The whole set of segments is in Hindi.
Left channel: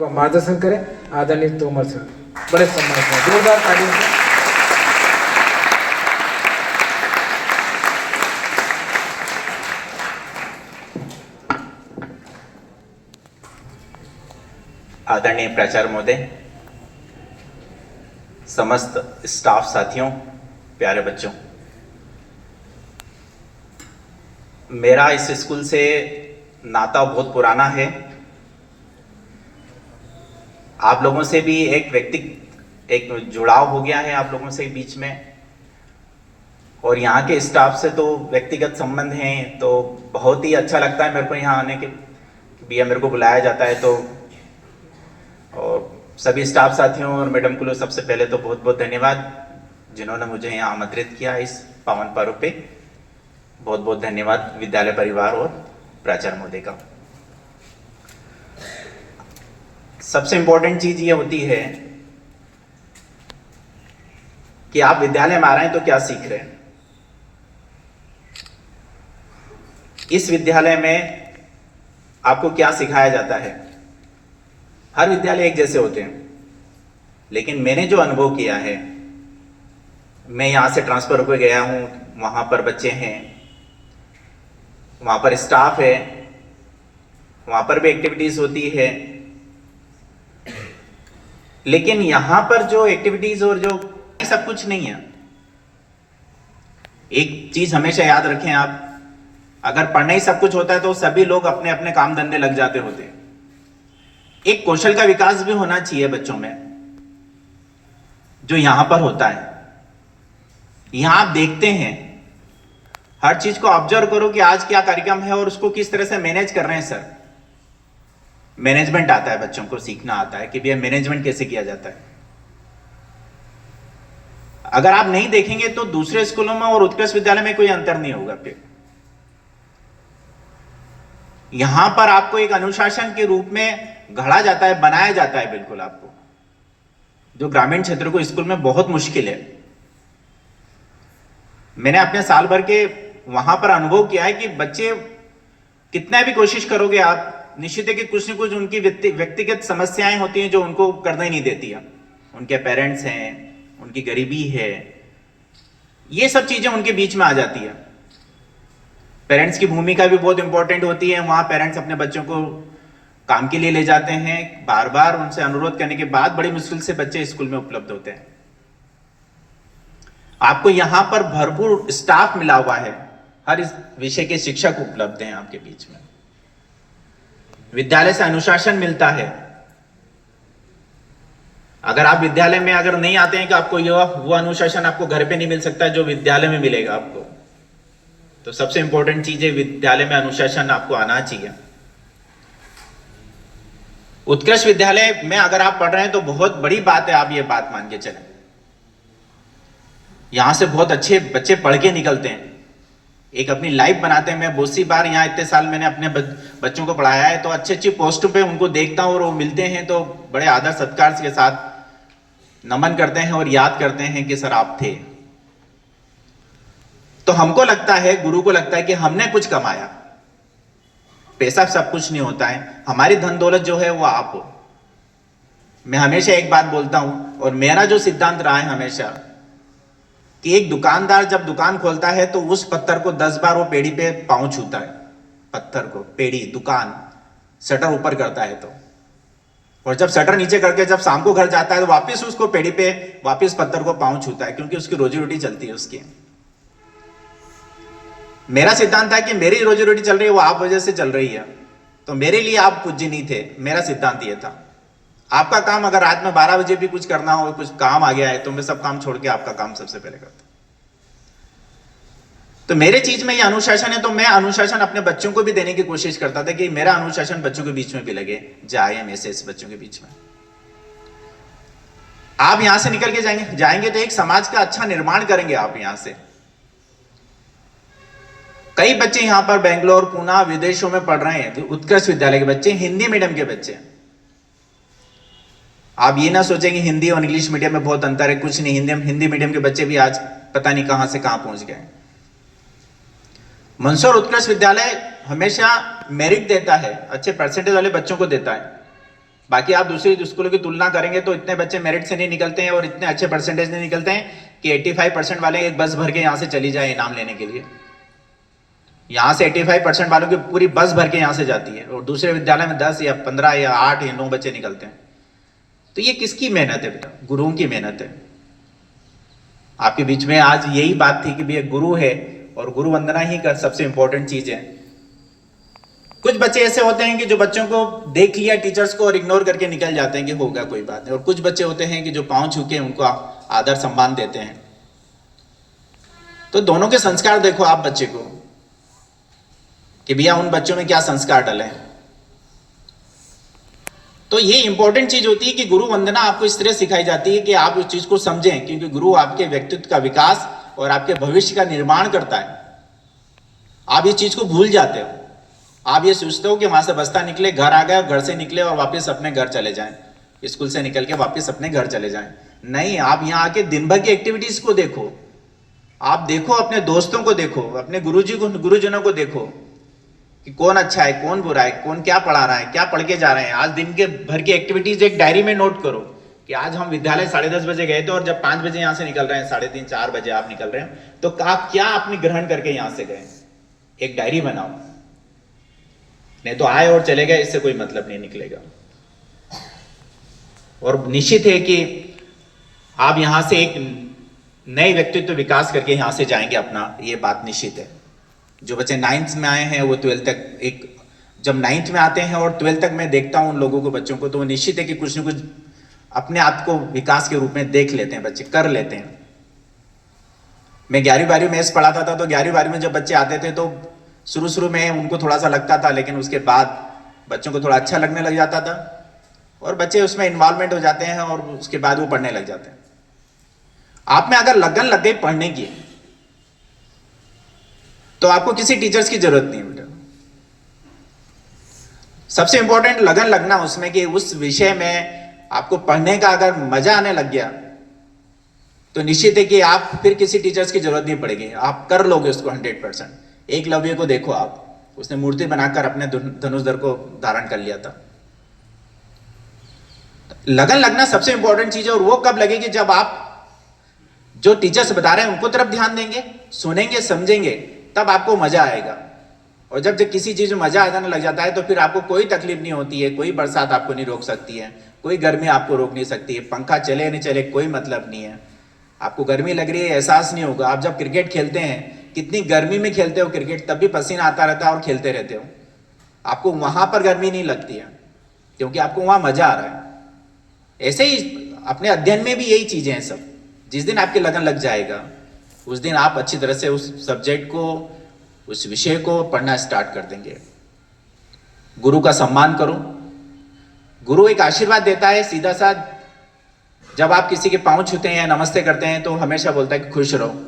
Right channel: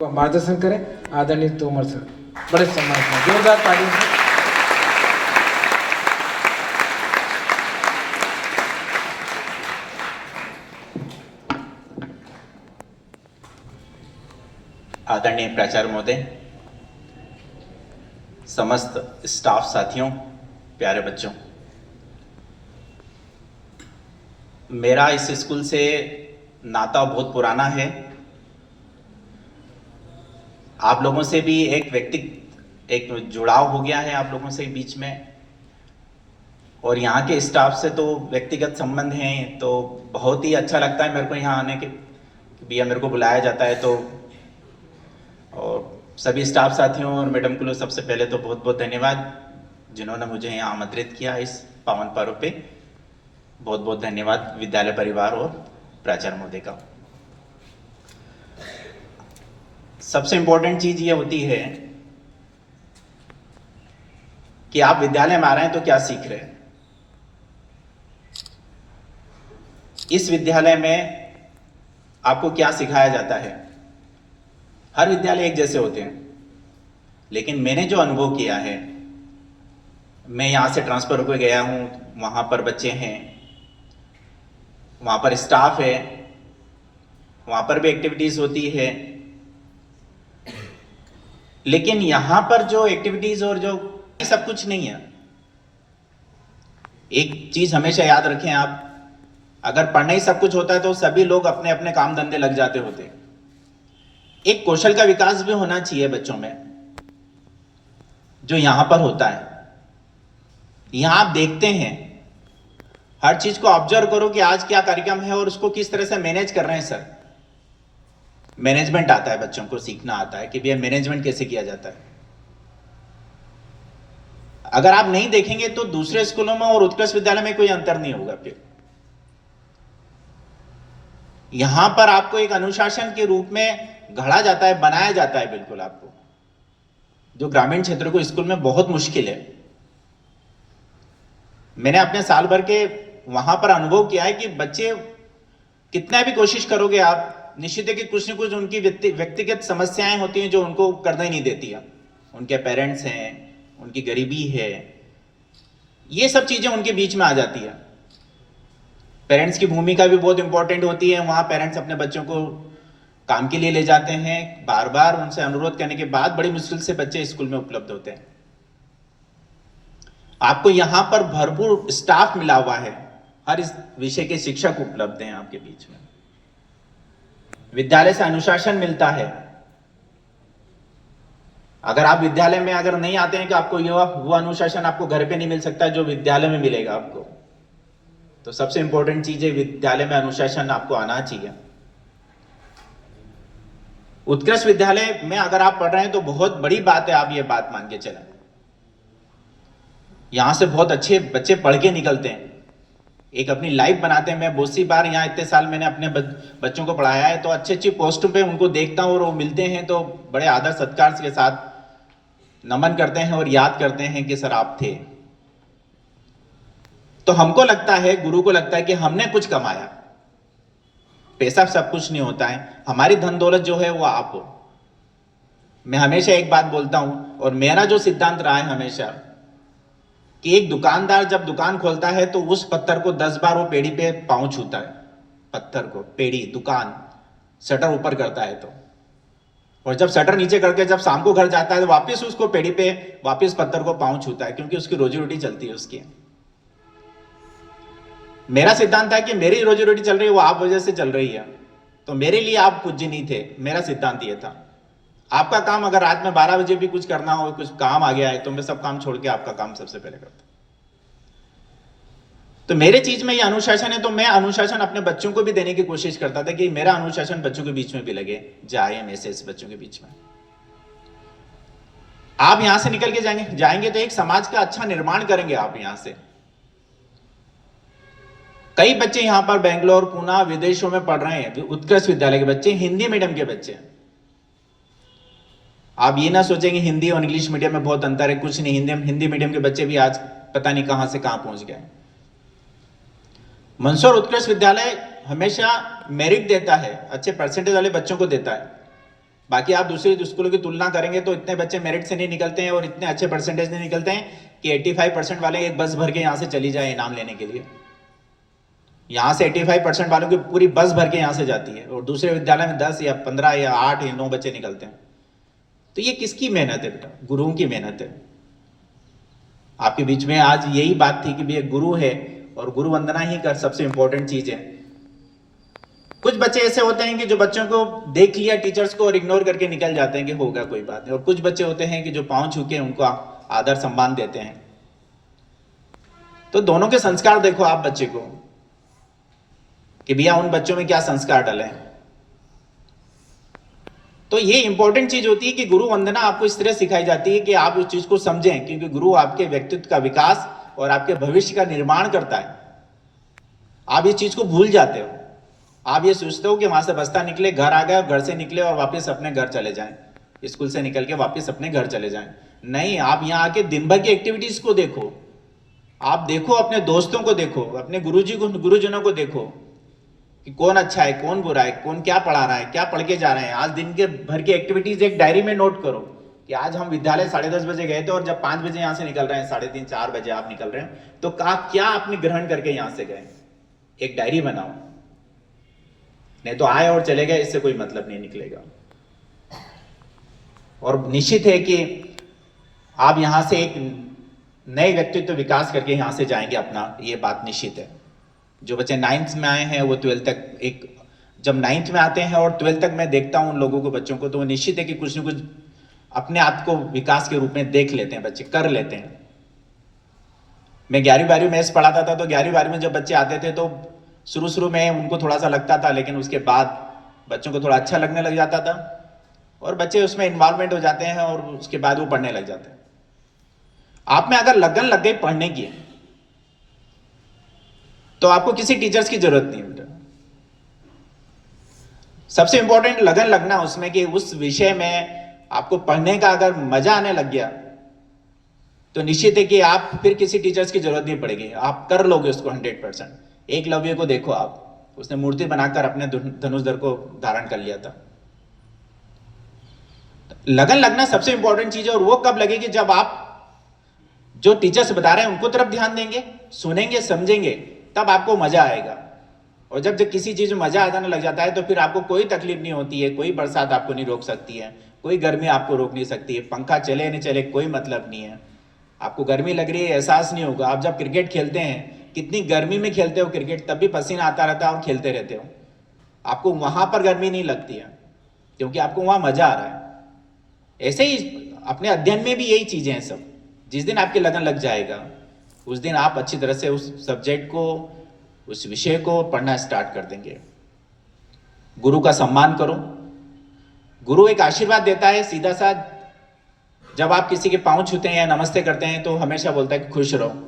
मार्गदर्शन करें आदरणीय तोमर सर, बड़े सम्मान से जोरदार तालियों से। आदरणीय प्राचार्य महोदय, समस्त स्टाफ साथियों, प्यारे बच्चों, मेरा इस स्कूल से नाता बहुत पुराना है। आप लोगों से भी एक जुड़ाव हो गया है आप लोगों से बीच में, और यहाँ के स्टाफ से तो व्यक्तिगत संबंध हैं। तो बहुत ही अच्छा लगता है मेरे को यहाँ आने के भी, मेरे को बुलाया जाता है। तो और सभी स्टाफ साथियों और मैडम को सबसे पहले तो बहुत बहुत धन्यवाद जिन्होंने मुझे यहाँ आमंत्रित किया इस पावन पर्व पे। बहुत बहुत धन्यवाद विद्यालय परिवार और प्राचार्य महोदय का। सबसे इंपॉर्टेंट चीज ये होती है कि आप विद्यालय में आ रहे हैं तो क्या सीख रहे हैं। इस विद्यालय में आपको क्या सिखाया जाता है। हर विद्यालय एक जैसे होते हैं, लेकिन मैंने जो अनुभव किया है, मैं यहां से ट्रांसफर होकर गया हूं, वहां पर बच्चे हैं, वहां पर स्टाफ है, वहां पर भी एक्टिविटीज होती है, लेकिन यहां पर जो एक्टिविटीज और जो सब कुछ नहीं है। एक चीज हमेशा याद रखें आप, अगर पढ़ना ही सब कुछ होता है तो सभी लोग अपने अपने काम धंधे लग जाते होते हैं। एक कौशल का विकास भी होना चाहिए बच्चों में, जो यहां पर होता है। यहां आप देखते हैं, हर चीज को ऑब्जर्व करो कि आज क्या कार्यक्रम है और उसको किस तरह से मैनेज कर रहे हैं सर। मैनेजमेंट आता है, बच्चों को सीखना आता है कि भैया मैनेजमेंट कैसे किया जाता है। अगर आप नहीं देखेंगे तो दूसरे स्कूलों में और उत्कृष्ट विद्यालय में कोई अंतर नहीं होगा। फिर यहां पर आपको एक अनुशासन के रूप में गढ़ा जाता है, बनाया जाता है बिल्कुल आपको, जो ग्रामीण क्षेत्र को स्कूल में बहुत मुश्किल है। मैंने अपने साल भर के वहां पर अनुभव किया है कि बच्चे कितना भी कोशिश करोगे आप, निश्चित है कि कुछ न कुछ उनकी व्यक्तिगत समस्याएं होती हैं जो उनको करने नहीं देती है। उनके पेरेंट्स हैं, उनकी गरीबी है, ये सब चीजें उनके बीच में आ जाती है। पेरेंट्स की भूमिका भी बहुत इंपॉर्टेंट होती है। वहां पेरेंट्स अपने बच्चों को काम के लिए ले जाते हैं, बार बार उनसे अनुरोध करने के बाद बड़ी मुश्किल से बच्चे स्कूल में उपलब्ध होते हैं। आपको यहां पर भरपूर स्टाफ मिला हुआ है, हर इस विषय के शिक्षक उपलब्ध हैं आपके बीच में। विद्यालय से अनुशासन मिलता है। अगर आप विद्यालय में अगर नहीं आते हैं कि आपको वो अनुशासन आपको घर पे नहीं मिल सकता जो विद्यालय में मिलेगा आपको। तो सबसे इंपॉर्टेंट चीज है, विद्यालय में अनुशासन आपको आना चाहिए। उत्कृष्ट विद्यालय में अगर आप पढ़ रहे हैं तो बहुत बड़ी बात है, आप ये बात मान के चलें। यहां से बहुत अच्छे बच्चे पढ़ के निकलते हैं, एक अपनी लाइफ बनाते हैं। मैं बहुत सी बार यहाँ इतने साल मैंने अपने बच्चों को पढ़ाया है, तो अच्छी अच्छी पोस्टों पे उनको देखता हूँ और वो मिलते हैं तो बड़े आदर सत्कार के साथ नमन करते हैं और याद करते हैं कि सर आप थे। तो हमको लगता है, गुरु को लगता है कि हमने कुछ कमाया। पैसा सब कुछ नहीं होता है, हमारी धन दौलत जो है वो आप हो। मैं हमेशा एक बात बोलता हूं, और मेरा जो सिद्धांत रहा है हमेशा, कि एक दुकानदार जब दुकान खोलता है तो उस पत्थर को 10 बार वो पेड़ी पे पांव छूता है। पत्थर को, पेड़ी, दुकान, शटर ऊपर करता है तो, और जब शटर नीचे करके जब शाम को घर जाता है तो वापस उसको पेड़ी पे वापस पत्थर को पांव छूता है, क्योंकि उसकी रोजी रोटी चलती है उसकी। मेरा सिद्धांत है कि मेरी रोजी रोटी चल रही है, वो आप वजह से चल रही है, तो मेरे लिए आप पूज्य नहीं थे। मेरा सिद्धांत ये था। आपका काम अगर रात में 12 बजे भी कुछ करना हो, कुछ काम आ गया है, तो मैं सब काम छोड़ के आपका काम सबसे पहले करता। तो मेरे चीज में ये अनुशासन है, तो मैं अनुशासन अपने बच्चों को भी देने की कोशिश करता था कि मेरा अनुशासन बच्चों के बीच में भी लगे, जाए मैसेज बच्चों के बीच में। आप यहां से निकल के जाएंगे तो एक समाज का अच्छा निर्माण करेंगे आप यहां से। कई बच्चे यहां पर बेंगलोर, पुणे, विदेशों में पढ़ रहे हैं, उत्कृष्ट विद्यालय के बच्चे, हिंदी मीडियम के बच्चे। आप ये ना सोचें कि हिंदी और इंग्लिश मीडियम में बहुत अंतर है, कुछ नहीं। हिंदी मीडियम के बच्चे भी आज पता नहीं कहां से कहां पहुंच गए। मंदसौर उत्कृष्ट विद्यालय हमेशा मेरिट देता है, अच्छे परसेंटेज वाले बच्चों को देता है। बाकी आप दूसरी स्कूलों की तुलना करेंगे तो इतने बच्चे मेरिट से नहीं निकलते हैं और इतने अच्छे परसेंटेज नहीं निकलते हैं कि 85% वाले एक बस भर के यहाँ से चली जाए इनाम लेने के लिए। यहाँ से 85% वालों की पूरी बस भर के यहाँ से जाती है और दूसरे विद्यालय में 10 या 15 या 8 या 9 बच्चे निकलते हैं। तो ये किसकी मेहनत है बेटा? गुरुओं की मेहनत है। आपके बीच में आज यही बात थी कि भैया गुरु है और गुरु वंदना ही का सबसे इंपॉर्टेंट चीज है। कुछ बच्चे ऐसे होते हैं कि जो बच्चों को देख लिया टीचर्स को और इग्नोर करके निकल जाते हैं कि होगा कोई बात नहीं, और कुछ बच्चे होते हैं कि जो पांव छू के उनको आदर सम्मान देते हैं। तो दोनों के संस्कार देखो आप बच्चे को कि भैया उन बच्चों में क्या संस्कार डले हैं। तो ये इंपॉर्टेंट चीज होती है कि गुरु वंदना आपको इस तरह सिखाई जाती है कि आप उस चीज को समझें, क्योंकि गुरु आपके व्यक्तित्व का विकास और आपके भविष्य का निर्माण करता है। आप इस चीज को भूल जाते हो। आप ये सोचते हो कि वहां से बस्ता निकले, घर आ गए, घर से निकले और वापस अपने घर चले जाएं, स्कूल से निकल के वापस अपने घर चले जाएं। नहीं, आप यहाँ आके दिन भर की एक्टिविटीज को देखो। आप देखो, अपने दोस्तों को देखो, अपने गुरुजनों को देखो कि कौन अच्छा है, कौन बुरा है, कौन क्या पढ़ा रहा है, क्या पढ़ के जा रहे हैं। आज दिन के भर की एक्टिविटीज एक डायरी में नोट करो कि आज हम विद्यालय 10:30 बजे गए थे और जब 5 बजे यहाँ से निकल रहे हैं, 3:30 4 बजे आप निकल रहे हैं, तो आप क्या आपने ग्रहण करके यहाँ से गए। एक डायरी बनाओ, नहीं तो आए और चले गए, इससे कोई मतलब नहीं निकलेगा। और निश्चित है कि आप यहां से एक नए व्यक्तित्व विकास करके यहां से जाएंगे अपना, ये बात निश्चित है। जो बच्चे 9th में आए हैं वो 12th तक जब 9th में आते हैं और 12th तक मैं देखता हूं उन लोगों को, बच्चों को, तो वो निश्चित है कि कुछ न कुछ अपने आप को विकास के रूप में देख लेते हैं, बच्चे कर लेते हैं। मैं 11वीं 12वीं मैथ्स पढ़ाता था, तो 11वीं 12वीं में जब बच्चे आते थे तो शुरू में उनको थोड़ा सा लगता था, लेकिन उसके बाद बच्चों को थोड़ा अच्छा लगने लग जाता था और बच्चे उसमें इन्वॉल्वमेंट हो जाते हैं और उसके बाद वो पढ़ने लग जाते हैं। आप में अगर लगन लग गई पढ़ने की तो आपको किसी टीचर्स की जरूरत नहीं बेटा। सबसे इंपॉर्टेंट लगन लगना उसमें कि उस विषय में आपको पढ़ने का अगर मजा आने लग गया तो निश्चित है कि आप फिर किसी टीचर्स की जरूरत नहीं पड़ेगी, आप कर लोगे उसको 100%। एकलव्य को देखो आप, उसने मूर्ति बनाकर अपने धनुर्धर को धारण कर लिया था। लगन लगना सबसे इंपॉर्टेंट चीज है। और वो कब लगेगी? जब आप जो टीचर्स बता रहे हैं उनको तरफ ध्यान देंगे, सुनेंगे, समझेंगे, तब आपको मजा आएगा। और जब किसी चीज में मजा आ जाने लग जाता है तो फिर आपको कोई तकलीफ नहीं होती है, कोई बरसात आपको नहीं रोक सकती है, कोई गर्मी आपको रोक नहीं सकती है, पंखा चले नहीं चले कोई मतलब नहीं है। आपको गर्मी लग रही है एहसास नहीं होगा। आप जब क्रिकेट खेलते हैं, कितनी गर्मी में खेलते हो क्रिकेट, तब भी पसीना आता रहता है और खेलते रहते हो, आपको वहां पर गर्मी नहीं लगती है क्योंकि आपको वहां मजा आ रहा है। ऐसे ही अपने अध्ययन में भी यही चीजें हैं सब। जिस दिन आपके लगन लग जाएगा उस दिन आप अच्छी तरह से उस सब्जेक्ट को, उस विषय को पढ़ना स्टार्ट कर देंगे। गुरु का सम्मान करो। गुरु एक आशीर्वाद देता है सीधा सा। जब आप किसी के पांव छूते हैं या नमस्ते करते हैं तो हमेशा बोलता है कि खुश रहो।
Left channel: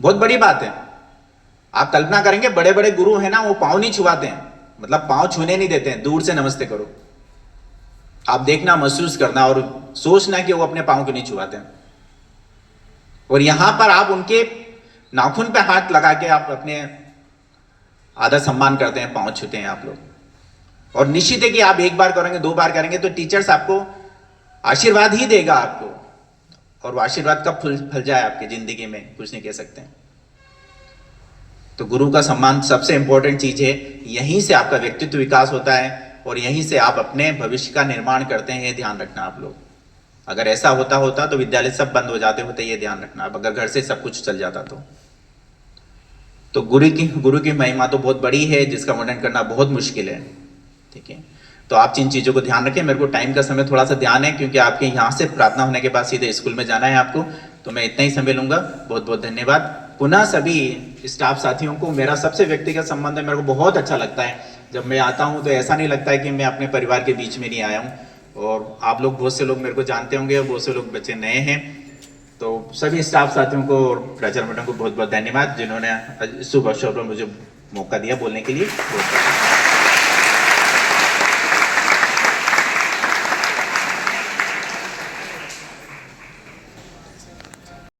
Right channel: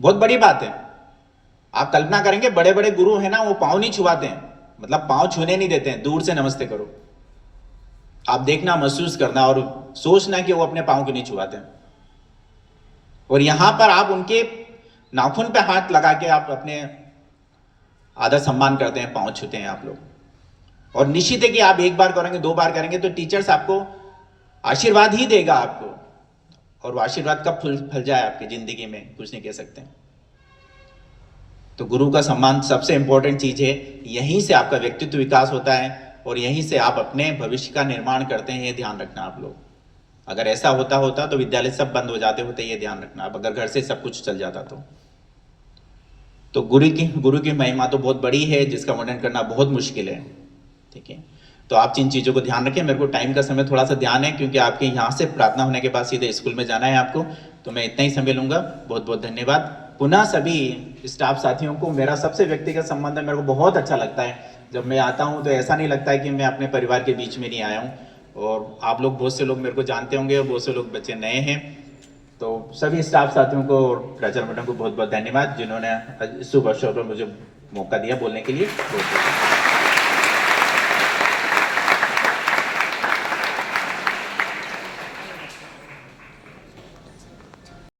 बहुत बड़ी बात है। आप कल्पना करेंगे बड़े बड़े गुरु हैं ना, वो पांव नहीं छुआते हैं, मतलब पांव छूने नहीं देते हैं, दूर से नमस्ते करो। आप देखना, महसूस करना और सोचना कि वो अपने पांव को नहीं छुआते हैं। और यहां पर आप उनके नाखून पे हाथ लगा के आप अपने आदर सम्मान करते हैं, पांव छूते हैं आप लोग। और निश्चित है कि आप एक बार करेंगे, 2 बार करेंगे तो टीचर्स आपको आशीर्वाद ही देगा आपको। और वो आशीर्वाद कब फल जाए आपकी जिंदगी में कुछ नहीं कह सकते। तो गुरु का सम्मान सबसे इंपॉर्टेंट चीज है। यहीं से आपका व्यक्तित्व विकास होता है और यहीं से आप अपने भविष्य का निर्माण करते हैं। ये ध्यान रखना आप लोग। अगर ऐसा होता तो विद्यालय सब बंद हो जाते होते, ये ध्यान रखना। अब अगर घर से सब कुछ चल जाता तो गुरु की महिमा तो बहुत बड़ी है, जिसका वर्णन करना बहुत मुश्किल है। ठीक है, तो आप जिन चीज़ों को ध्यान रखें। मेरे को टाइम का समय थोड़ा सा ध्यान है क्योंकि आपके यहाँ से प्रार्थना होने के बाद सीधे स्कूल में जाना है आपको, तो मैं इतना ही समय लूंगा। बहुत बहुत धन्यवाद। पुनः सभी स्टाफ साथियों को मेरा सबसे व्यक्तिगत संबंध है। मेरे को बहुत अच्छा लगता है जब मैं आता हूँ, तो ऐसा नहीं लगता है कि मैं अपने परिवार के बीच में नहीं आया हूँ। और आप लोग, बहुत से लोग मेरे को जानते होंगे और बहुत से लोग बच्चे नए हैं। तो सभी स्टाफ साथियों को और प्राचार्य मैडम को बहुत बहुत धन्यवाद जिन्होंने शुभ अवसर पर मुझे मौका दिया बोलने के लिए।